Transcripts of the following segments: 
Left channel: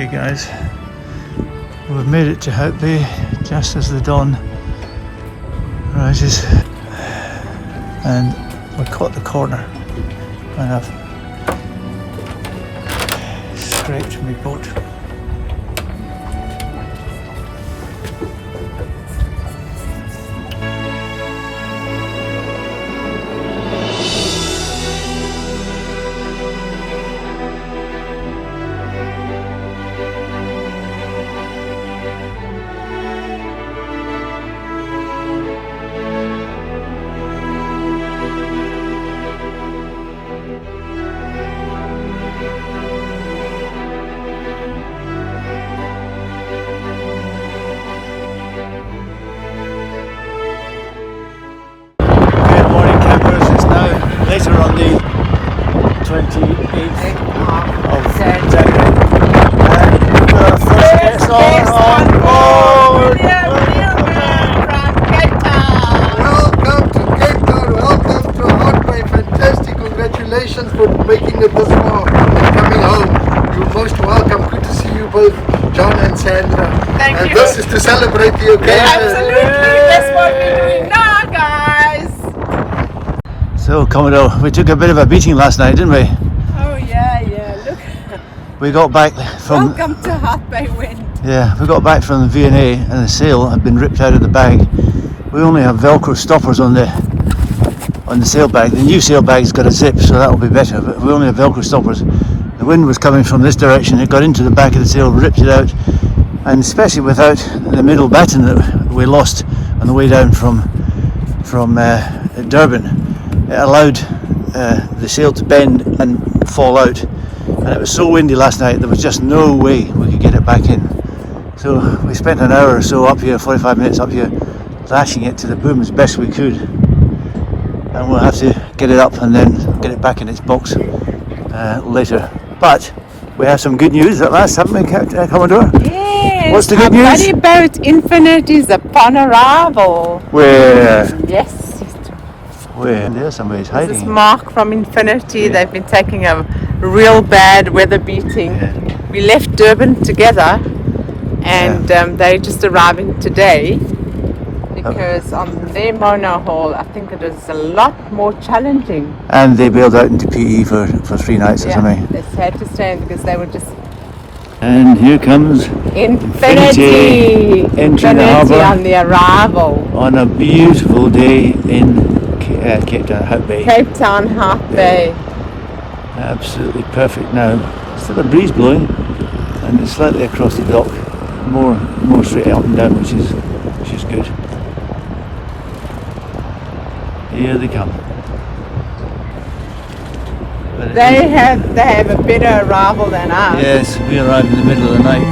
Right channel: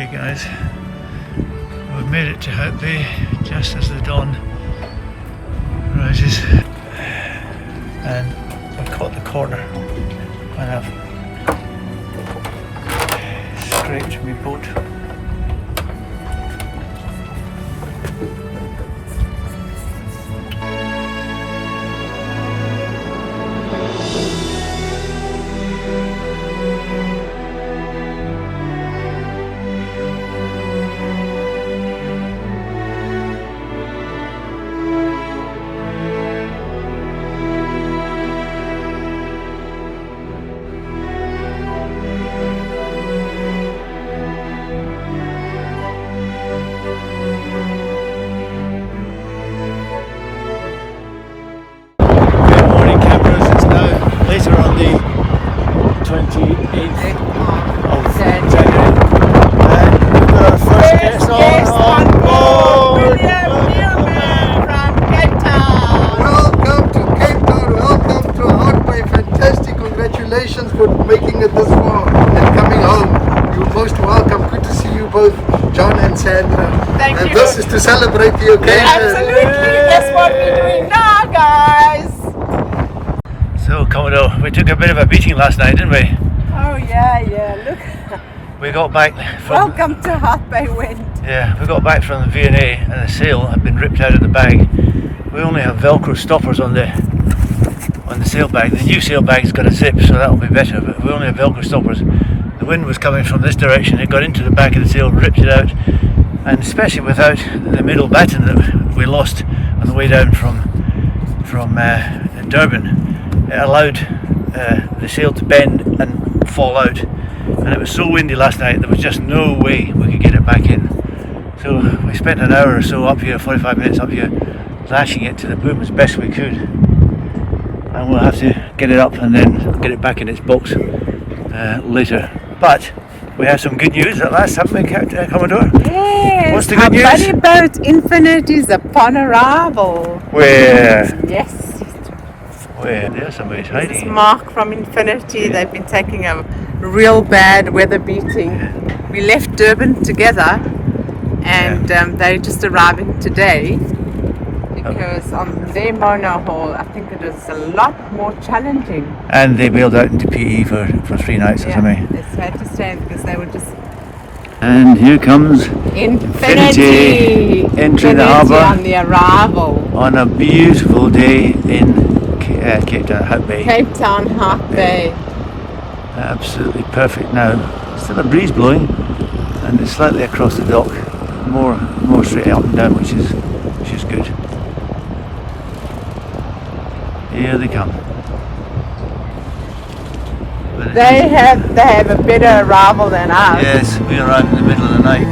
Okay guys, we've made it to Hout Bay just as the dawn rises, and we caught the corner when I've scraped my boat. Later on the 28th of January, and we've got our first guest on board. Welcome to Cape Town, welcome to Hout Bay. Fantastic, congratulations for making it this far and coming home. You're most welcome. Good to see you both, John and Sandra. Thank you. And this is to celebrate the occasion. Absolutely, that's what we're doing now, guys. So Commodore, we took a bit of a beating last night, didn't we? Oh yeah, look. We got back from Welcome to Hout Bay Wind. we got back from the V&A and the sail had been ripped out of the bag. We only have Velcro stoppers on the sail bag. The new sail bag's got a zip, so that'll be better, but we only have Velcro stoppers. The wind was coming from this direction, it got into the back of the sail, ripped it out, and especially without the middle batten that we lost on the way down from Durban. It allowed the sail to bend and fall out, and it was so windy last night there was just no way we could get it back in. So we spent an hour or so up here, 45 minutes up here, lashing it to the boom as best we could, and we'll have to get it up and then get it back in its box later. But we have some good news at last, haven't we, Commodore? Yes, What's the our good news? buddy boat Infinite is upon arrival. Where? Yes. There's somebody's This is hiding. Mark from Infinity. They've been taking a real bad weather beating. Yeah. We left Durban together, and they're just arriving today because on their monohull, I think it is a lot more challenging. And they bailed out into PE for 3 nights or something. They had to stay because they were just And here comes Infinity entering the harbour on the arrival. on a beautiful day in Cape Town, Hout Bay. Cape Town, Hout Bay. Absolutely perfect now. Still a breeze blowing, and it's slightly across the dock, more straight up and down, which is good. Here they come. But They have a better arrival than us. yes, we arrived in the middle of the night.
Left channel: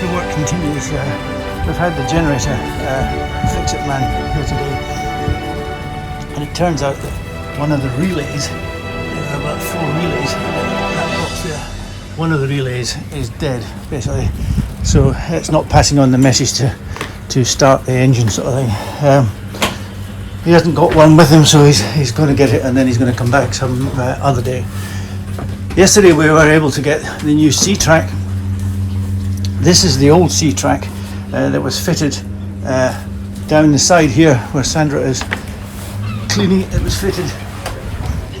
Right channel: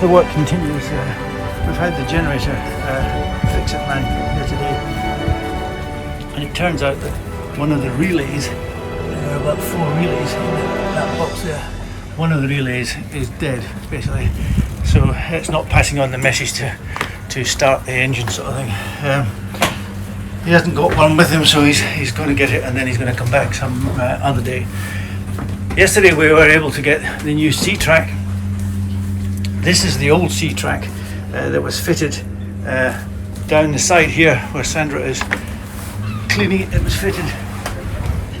The work continues. We've had the generator fix-it man here today, and it turns out that one of the relays, there are about 4 relays in that box there, one of the relays is dead basically, so it's not passing on the message to start the engine sort of thing. He hasn't got one with him, so he's going to get it and then he's going to come back some other day. Yesterday we were able to get the new C-track. This is the old C-track that was fitted down the side here where Sandra is cleaning it. It was fitted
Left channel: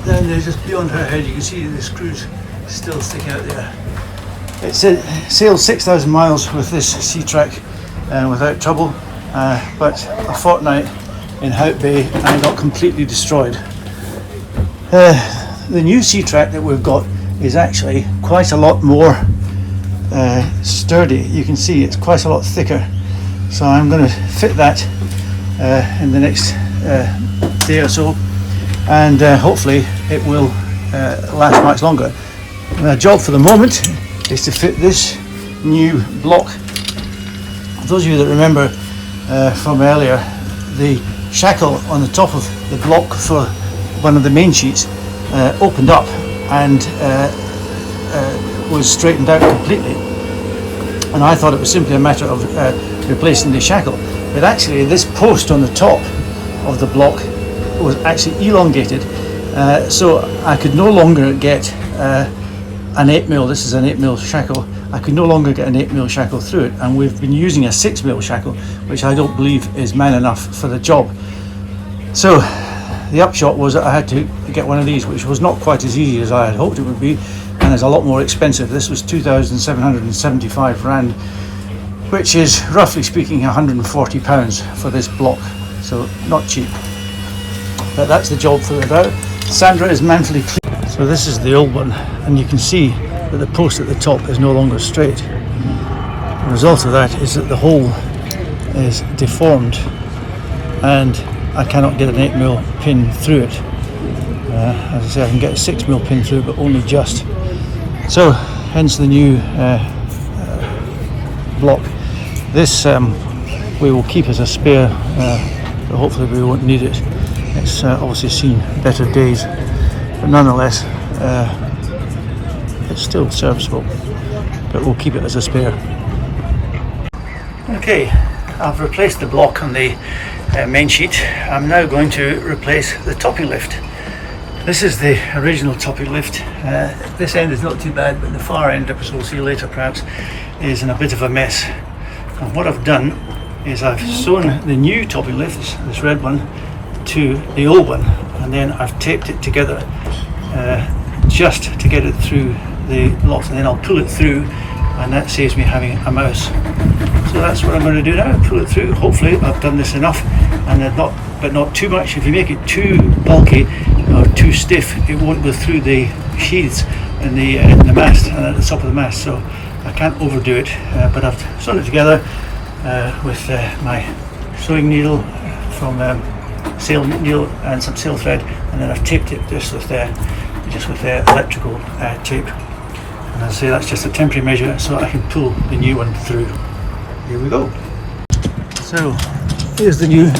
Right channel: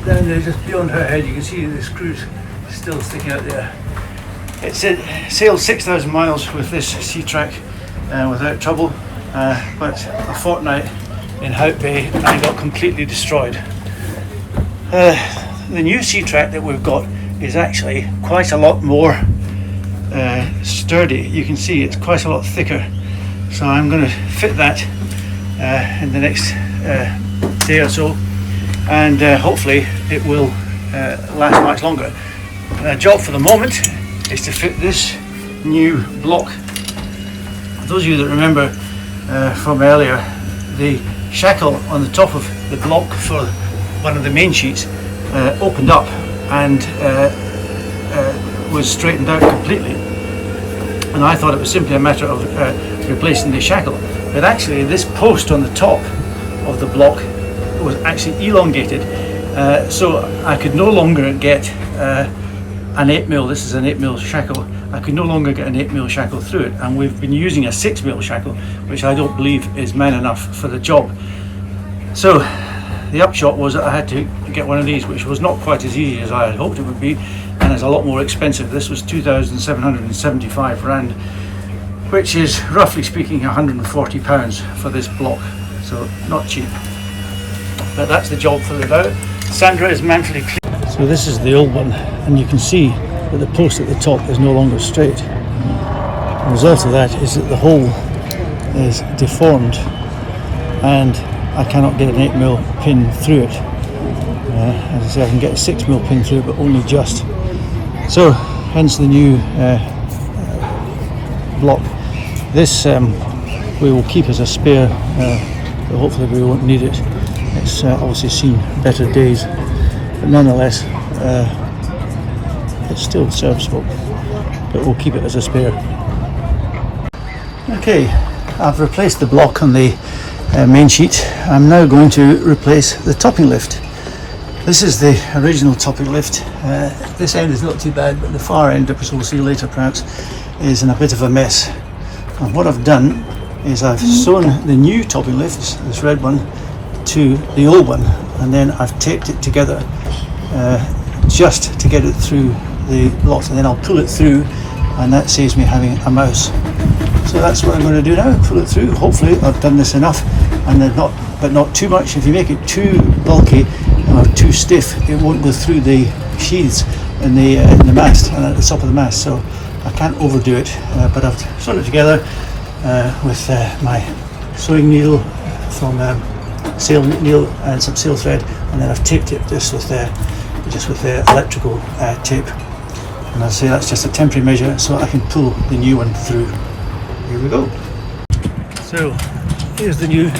down there just beyond her head. You can see the screws still sticking out there. It sailed 6,000 miles with this C-track without trouble, but a fortnight in Hout Bay and I got completely destroyed. The new C-track that we've got is actually quite a lot more sturdy. You can see it's quite a lot thicker, so I'm going to fit that in the next day or so, and hopefully it will last much longer. My job for the moment is to fit this new block. Those of you that remember from earlier, the shackle on the top of the block for one of the main sheets opened up and was straightened out completely, and I thought it was simply a matter of replacing the shackle, but actually this post on the top of the block was actually elongated, so I could no longer get an 8mm, this is an 8mm shackle, I could no longer get an 8mm shackle through it, and we've been using a 6mm shackle, which I don't believe is man enough for the job. So the upshot was that I had to get one of these, which was not quite as easy as I had hoped it would be, and is a lot more expensive. This was 2,775 Rand, which is roughly speaking £140 for this block, so not cheap. But that's the job for the bow. Sandra is manfully clean. So this is the old one, and you can see that the post at the top is no longer straight. The result of that is that the hole is deformed and I cannot get an 8mm pin through it. As I say, I can get a 6mm pin through, but only just. So, hence the new block. This we will keep as a spare, but hopefully we won't need it. It's obviously seen better days, but nonetheless it's still serviceable, but we'll keep it as a spare. Okay, I've replaced the block on the main sheet. I'm now going to replace the topping lift. This is the original topping lift. This end is not too bad, but the far end, as we'll see later perhaps, is in a bit of a mess. And what I've done is I've sewn the new topping lift, this red one, to the old one, and then I've taped it together just to get it through the blocks, and then I'll pull it through, and that saves me having a mouse. So that's what I'm going to do now, pull it through. Hopefully I've done this enough, and not too much. If you make it too bulky or too stiff, it won't go through the sheaths in the mast and at the top of the mast, so I can't overdo it. But I've sewn it together with my sewing needle from sail needle and some sail thread, and then I've taped it just with the electrical tape. And as I say, that's just a temporary measure so I can pull the new one through. Here we go. So here's the new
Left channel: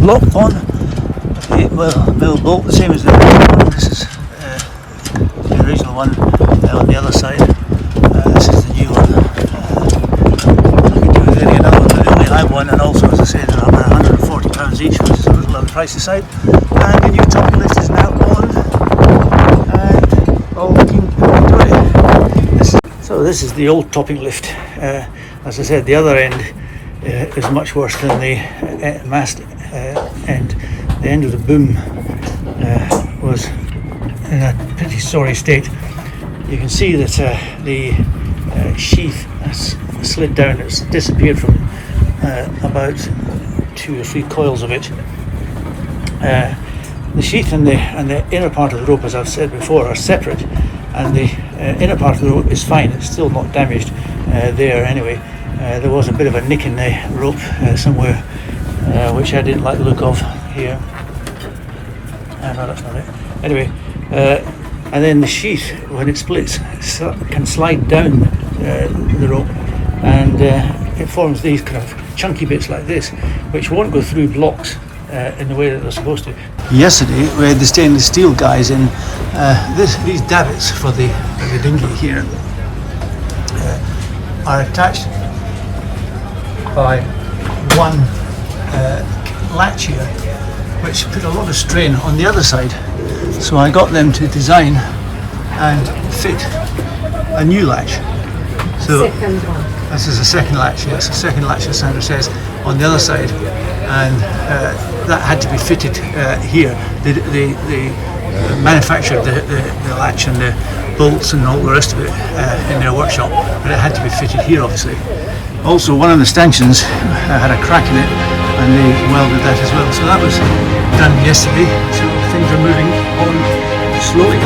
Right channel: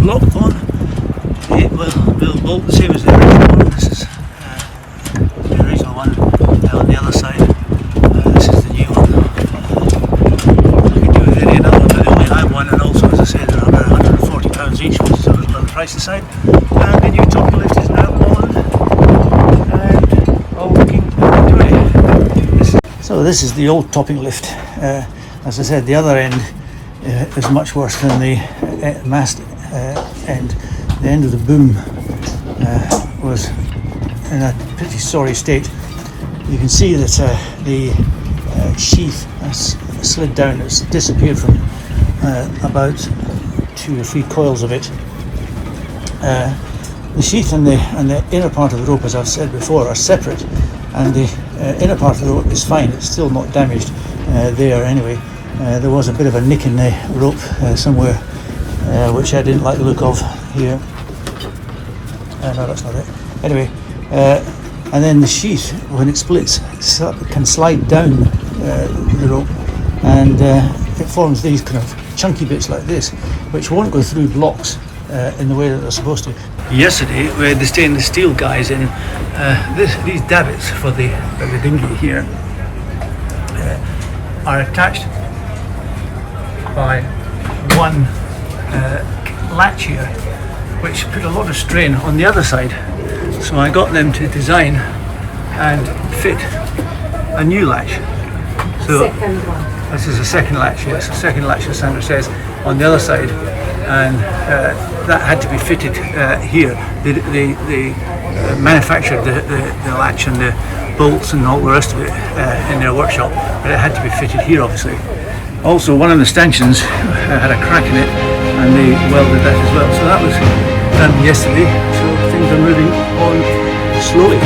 block on the 8mm bolt, the same as the original one. This is the original one on the other side. This is the new one. I could do with any another one, but I only have one, and also, as I said, they're about £140 each, which is a little on the pricey side. And the new topping lift is now on, and all looking great. So this is the old topping lift. As I said, the other end is much worse than the mast end. The end of the boom was in a pretty sorry state. You can see that the sheath has slid down. It's disappeared from about 2 or 3 coils of it. The sheath and the inner part of the rope, as I've said before, are separate, and the inner part of the rope is fine. It's still not damaged there anyway. There was a bit of a nick in the rope somewhere, which I didn't like the look of here. No, that's not it. Anyway, and then the sheath, when it splits, can slide down the rope, and it forms these kind of chunky bits like this, which won't go through blocks in the way that they're supposed to. Yesterday we had the stainless steel guys in. These davits for the dinghy here are attached by one latch here, which put a lot of strain on the other side. So I got them to design and fit a new latch. So this is a second latch, yes, a second latch, as Sandra says, on the other side, and that had to be fitted here. They manufactured the latch and the bolts and all the rest of it in their workshop, but it had to be fitted here, obviously. Also, one of the stanchions had a crack in it, and they welded that as well. So that was done yesterday, so things are moving on slowly.